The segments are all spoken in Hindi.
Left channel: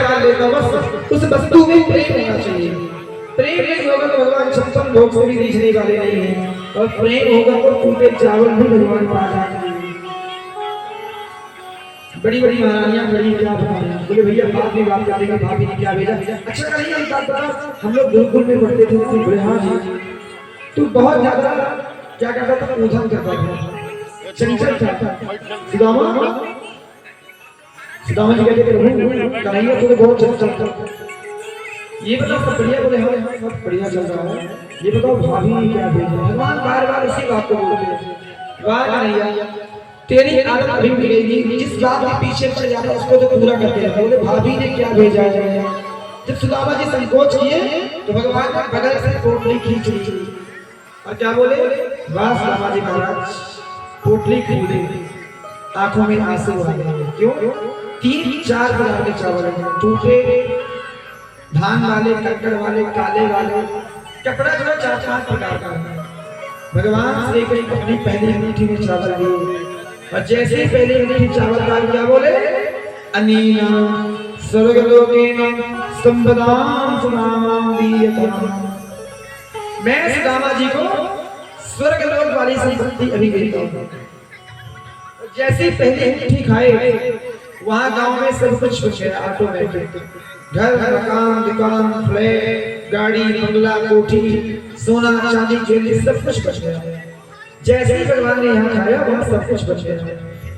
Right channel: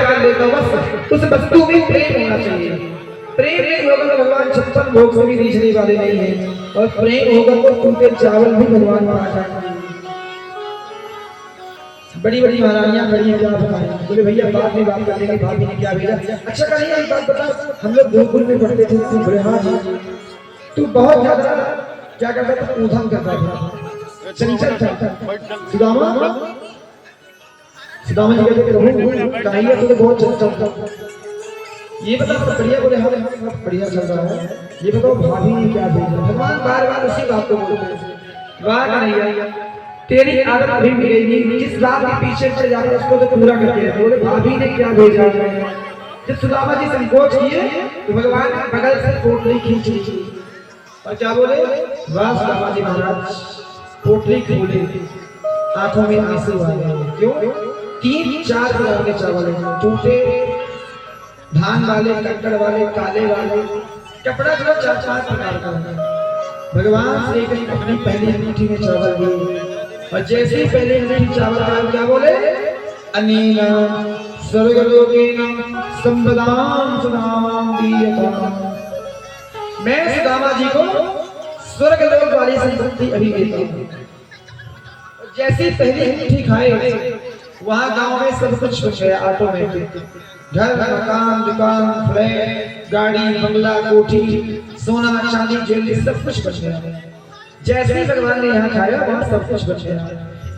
कर लेता हूँ। बस उस वस्तु में प्रेम होना चाहिए। प्रेम नहीं होगा तो भगवान 56 भोग से भी रीझने वाले नहीं है, और प्रेम होगा तो टूटे चावल भी भगवान पा जाएंगे। बड़ी बड़ी महारानियां खड़ी क्या बताएं, बोले भैया बात नहीं बात करने की, भाभी ने क्या भेजा। अच्छा कहीं एक बात बता, हम लोग गुरुकुल में पढ़ते थे, बोले हाँ जी, तू बहुत ज्यादा क्या करता था, ऊधम करता था, चंचल था। सुदामा सुदामा जी कहते प्रभु कन्हैया तो बहुत चंचल था, ये बताओ सब बढ़िया। बोले हाँ सब बढ़िया चल रहा है, ये बताओ भाभी ने क्या भेजा। भगवान बार बार उसी बात को बोलते हैं, वाह कन्हैया तेरी आदत अभी मिलेगी, जिस बात के पीछे चल जाता उसको तो पूरा करके रहते। बोले भाभी ने क्या भेजा है। जब सुदामा जी संकोच किए तो भगवान ने बगल से पोटली खींच ली, और क्या बोले, वाह सुदामा जी महाराज, पोटली खोली, आंखों में आंसू आ गए। क्यों? 3-4 प्रकार के चावल, टूटे धान वाले, कंकड़ वाले, काले वाले, कपड़ा जो 4-5 प्रकार का। भगवान श्री कृष्ण अपनी पहली अंगूठी में चावल दिए, और जैसे ही पहले अंगूठी चावल का क्या बोले, अनेन स्वर्गलोकेन संपदां सुदामां दीयताम्, मैं सुदामा जी को स्वर्गलोक वाली संपत्ति अभी देता हूँ। जैसे ही पहली अंगूठी खाए वहां गांव में सब कुछ बच गया, ऑटोमेटिक, घर मकान दुकान फ्लैट गाड़ी बंगला कोठी सोना चांदी ज्वेलरी सब कुछ बच गया। जैसे ही भगवान ने यहाँ खाया वहां सब कुछ बच गया।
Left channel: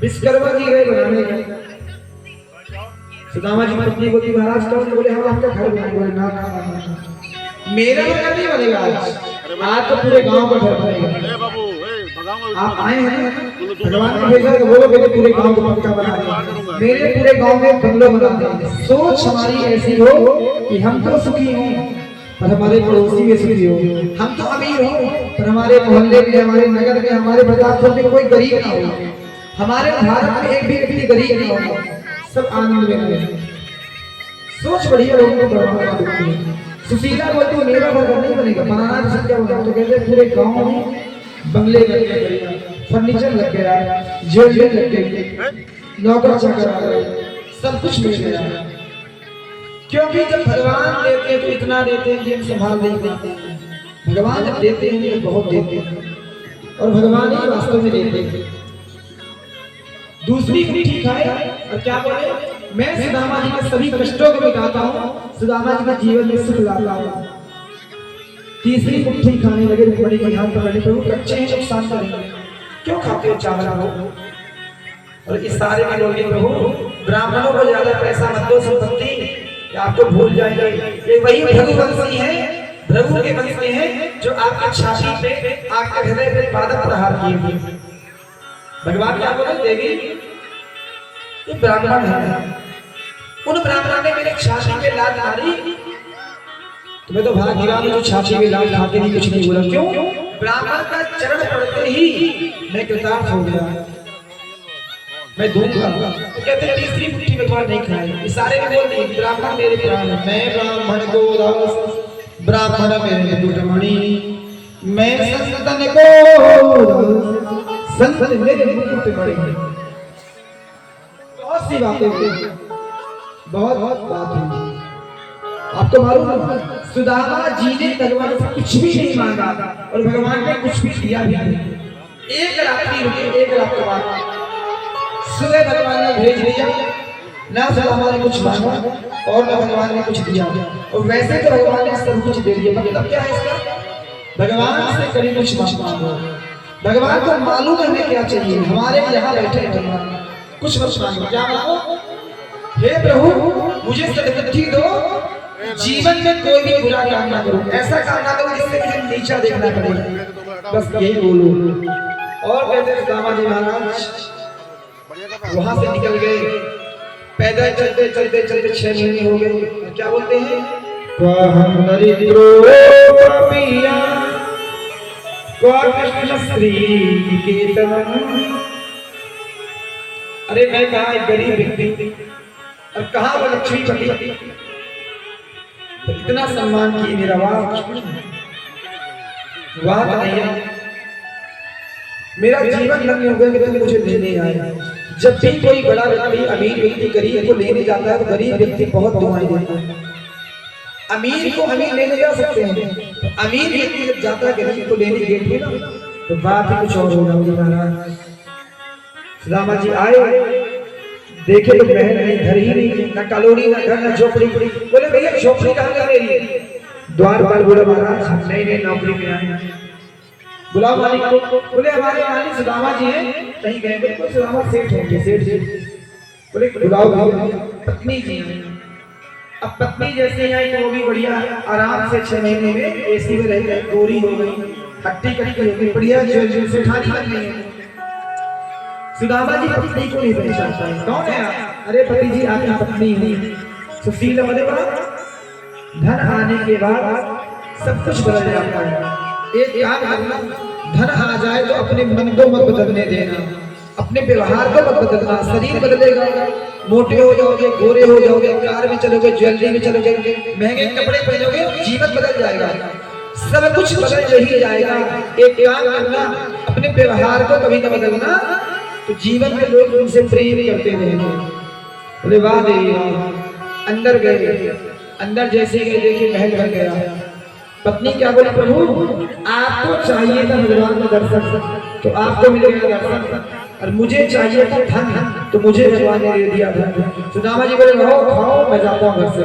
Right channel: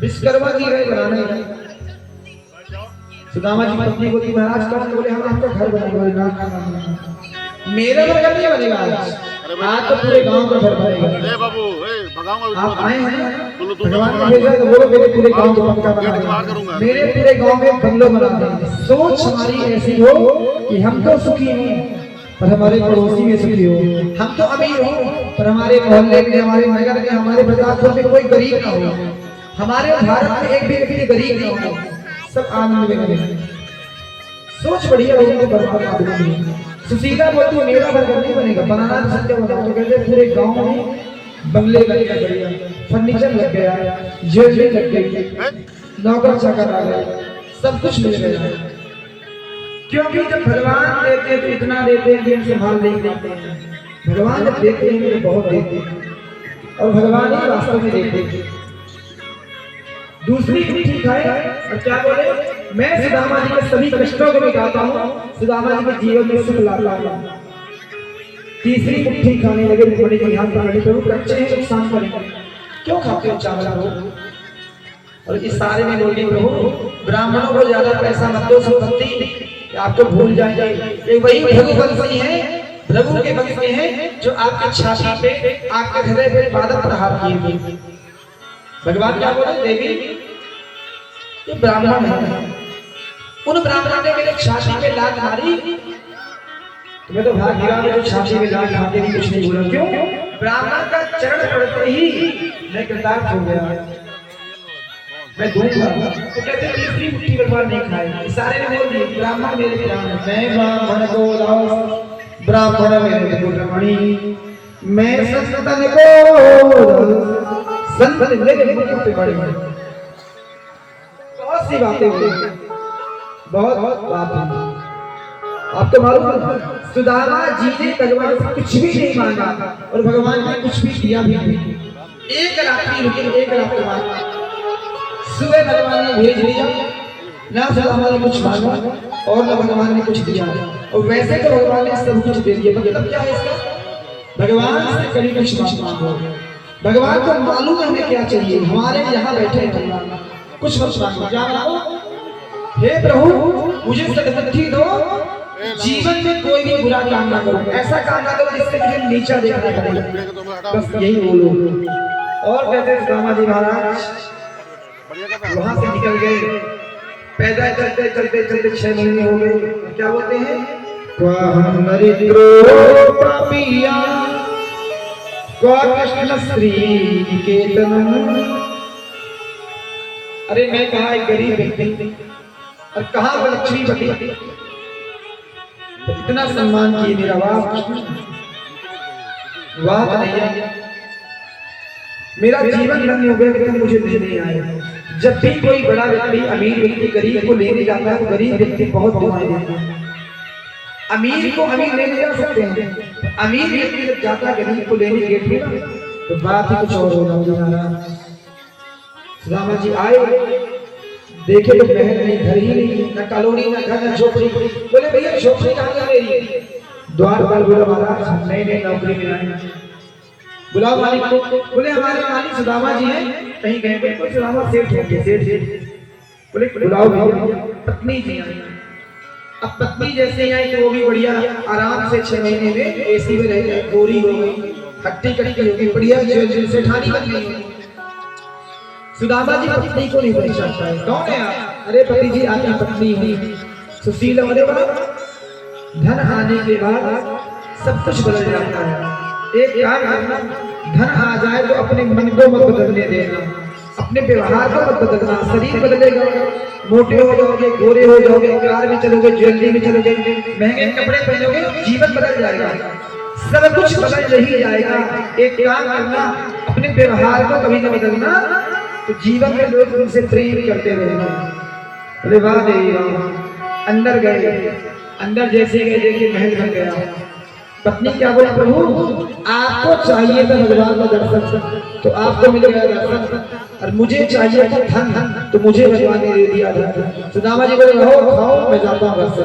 विश्वकर्मा जी गए बनाने गए, सुदामा जी पत्नी बोली महाराज क्या? बोले हम आपका घर बनाएंगे। ना मेरा घर नहीं बनेगा आज तो पूरे गांव का घर बनेगा। बाबू आप आए हैं भगवान ने भेजा तो बोलो मेरे पूरे गांव को पक्का बना देंगे, मेरे पूरे गांव में बंगला बना देंगे। सोच हमारी ऐसी हो कि हम तो सुखी हों पर हमारे पड़ोसी में सुखी हो, हम तो अमीर हो पर हमारे मोहल्ले में, हमारे नगर में, हमारे प्रतापपुर में कोई गरीब ना हो, हमारे भारत में एक भी व्यक्ति गरीब ना हो, सब आनंद में रहे। सोच बढ़िया लोगों को बर्बाद। सुशीला बोलती मेरा घर नहीं बनेगा, बनाना पसंद क्या होता है, तो कहते पूरे गांव में बंगले लग गए, बढ़िया फर्नीचर लग गया, ज्वेलरी लग गई, नौकर चाकर आ गए, सब कुछ मिल गया। क्योंकि जब भगवान देते हैं तो इतना देते हैं कि हम संभाल नहीं पाते हैं। भगवान जब देते हैं तो बहुत देते हैं, और भगवान ही वास्तव में देते हैं। दूसरी मुट्ठी खाए और क्या बोले, मैं सुदामा जी के सभी कष्टों को मिटाता हूँ, सुदामा जी के जीवन में सुख लाता हूँ। तीसरी मुट्ठी खाने लगे, बड़ी ध्यान पकड़े, प्रभु कच्चे हैं नुकसान करेंगे, क्यों खाते हो चावल को? और इस सारे में बोले प्रभु ब्राह्मणों को ज्यादा पैसा मत दो, संपत्ति आपको भूल जाएंगे। वही भृगुवंशी है, भृगु के वंश में है, जो आपके छाती पे, आपके हृदय पे पादप प्रहार किए थे। भगवान क्या बोले, देवी ये ब्राह्मण है, उन ब्राह्मण ने मेरे छाती पे लात मारी, तुम्हें तो भाग्यवान जो छाती में लात मारते ही कुछ नहीं बोला। क्यों? ब्राह्मण का चरण पड़ते ही मैं कृतार्थ हो गया, मैं दूध खा। तो कहते हैं तीसरी मुट्ठी भगवान नहीं खाए, सारे में बोल दिए ब्राह्मण मेरे प्राण, मैं ब्राह्मण को दास, ब्राह्मण मेरे गुणमणि, मैं संतन को संत मेरे मुकुट मणि। बहुत सी बातें हुई, बहुत बात हुई। आपको मालूम है सुदामा जी ने भगवान से कुछ भी नहीं मांगा और भगवान ने कुछ भी दिया भी नहीं। एक रात्रि रुके, एक रात के बाद सुबह भगवान ने भेज दिया, ना सुदामा ने कुछ मांगा और ना भगवान ने कुछ दिया। और वैसे तो भगवान ने सब कुछ दे दिया, मतलब क्या है इसका, भगवान से कभी कुछ मांगो। भगवान को मालूम हमें क्या चाहिए, हमारे यहाँ बैठे भगवान कुछ मत मांगो। क्या मांगो? हे प्रभु मुझे सद्बुद्धि दो, जीवन में कोई भी बुरा काम ना करो, ऐसा काम ना करो जिससे मुझे नीचा देखना पड़े, बस यही बोलो। और कहते हैं सुदामा जी महाराज वहां से निकल गए, पैदल चलते चलते चलते 6 महीने हो गए। क्या बोलते हैं, कृष्ण श्री केतन। अरे मैं कहा एक गरीब व्यक्ति और कहा वो लक्ष्मीपति, तो इतना सम्मान किए मेरा, वाह कन्हैया, मेरा जीवन धन्य हो गया कि तुम मुझे लेने आए। जब भी कोई बड़ा व्यक्ति अमीर व्यक्ति गरीब को लेने जाता है तो गरीब व्यक्ति बहुत दुआएं देता है। अमीर को अमीर लेने जा सकते हैं, अमीर व्यक्ति जब जाता है गरीब को लेने गेट में ना तो बात ही कुछ और होगा। महाराज सुदामा जी आए, देखे तो महल नहीं, घर ही नहीं, न कॉलोनी न घर न झोपड़ी। बोले भैया झोपड़ी कहाँ है मेरी? द्वार पर बोले महाराज नहीं नौकरी में आए। बुलाओ मालिक को। बोले हमारे मालिक सुदामा जी हैं, कहीं गए तो सुदामा सेठ होंगे। सेठ बोले बुलाओ पत्नी जी हैं। अब पत्नी जैसे आई तो वो भी बढ़िया आराम से 6 महीने में एसी में रह गई, गोरी हो गई, हट्टी कट्टी हो गई, बढ़िया सेठानी बन गई। सुदामा जी पत्नी को नहीं पहचानता है, कौन है आप? अरे पति जी आपकी पत्नी ही सुशील वाले बना। धन आने के बाद सब कुछ बदल जाता है। एक काम करना, धन आ जाए तो अपने मन को मत बदलने देना, अपने व्यवहार को मत बदलना। शरीर बदलेगा, मोटे हो जाओगे, गोरे हो जाओगे, कार में चलोगे, ज्वेलरी में चलोगे, महंगे कपड़े पहनोगे, जीवन बदल जाएगा, सब कुछ बदल ही जाएगा। एक काम करना, अपने व्यवहार को कभी न बदलना, तो जीवन में लोग तुमसे प्रेम करते रहेंगे। अरे वाह देवी वाह। अंदर गए, अंदर जैसे गए देखिए महल बन गया। पत्नी क्या बोली? प्रभु आपको चाहिए था भगवान का दर्शन तो आपको मिल गया दर्शन, और मुझे चाहिए था धन तो मुझे भगवान ने दे दिया धन। सुदामा जी बोले रहो खाओ, मैं जाता हूँ घर से।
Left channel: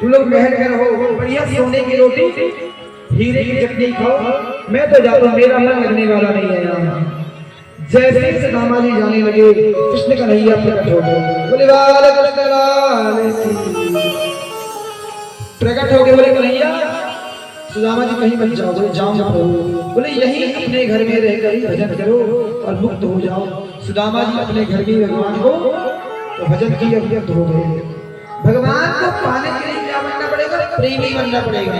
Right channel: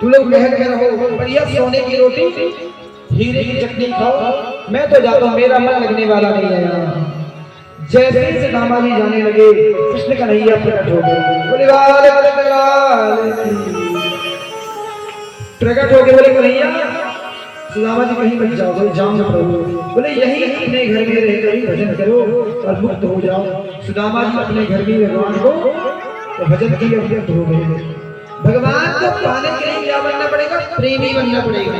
तुम लोग महल में रहो, बढ़िया सोने की रोटी हीरे की चटनी खाओ, मैं तो जाता हूँ, मेरा मन लगने वाला नहीं है यहाँ। जैसे ही सुदामा जी जाने लगे कृष्ण कन्हैया प्रकट हो गए। बोले प्रकट हो गए। बोले कन्हैया सुदामा जी कहीं मत जाओ। बोले जाओ ना प्रभु। बोले यही अपने घर में रहकर ही भजन करो और मुक्त हो जाओ। सुदामा जी अपने घर में भगवान को तो भजन की अभिव्यक्त हो गए। भगवान को पाने के लिए क्या बनना पड़ेगा? प्रेमी बनना पड़ेगा।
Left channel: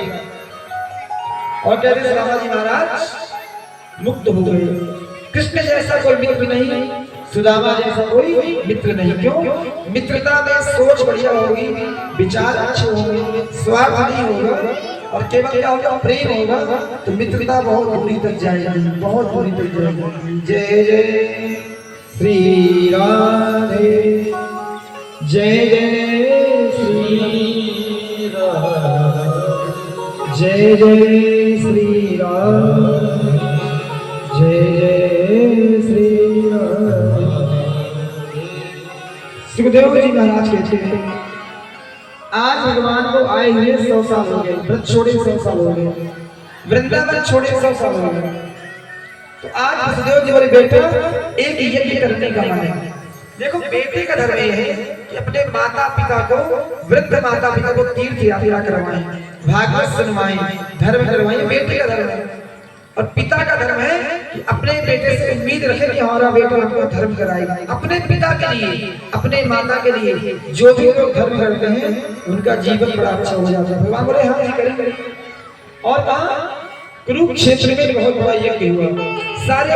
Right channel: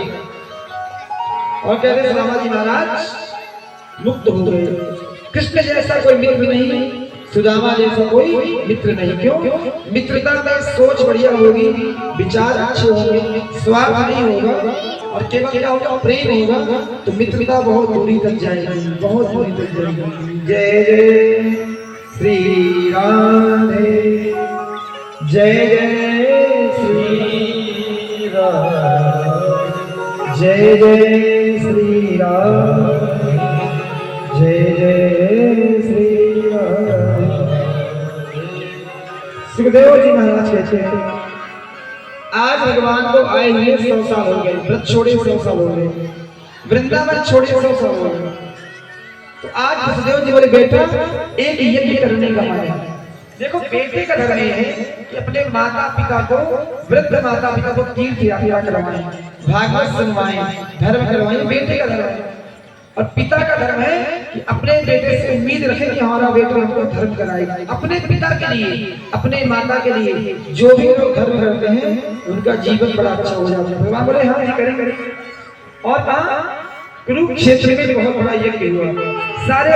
और कहते सुदामा जी महाराज मुक्त हो गए। कृष्ण जैसा कोई मित्र नहीं, सुदामा जैसा कोई मित्र नहीं। क्यों? मित्रता में सोच बढ़िया होगी, विचार अच्छे होंगे, स्वार्थ नहीं होगा, और केवल क्या होगा? प्रेम होगा, तो मित्रता बहुत दूरी तक जाएगी, बहुत दूरी तक जाएगी। जय जय श्री राधे, जय जय श्री राम, जय जय श्री राम, जय जय श्री राम। सुखदेव जी महाराज कहते हैं आज भगवान को आए हुए 100 साल हो गए, व्रत छोड़े 100 साल हो गए, वृंदावन छोड़े 100 साल हो गए। तो आज वसुदेव जी बोले बेटा एक यज्ञ करने का मन है। देखो बेटे का धर्म ये है कि अपने माता पिता को, वृद्ध माता पिता को तीर्थ यात्रा करवाएं, भागवत सुनवाएं, धर्म करवाएं, बेटे का धर्म है। और पिता का धर्म है कि अपने बेटे से उम्मीद रखे कि हमारा बेटा हमको धर्म कराएगा। अपने पिता के लिए, अपने माता के लिए जो भी लोग धर्म करते हैं उनका जीवन बड़ा अच्छा हो जाता है। भगवान बोले हाँ करेंगे। और कहा कुरुक्षेत्र में बहुत बड़ा यज्ञ हुआ, सारे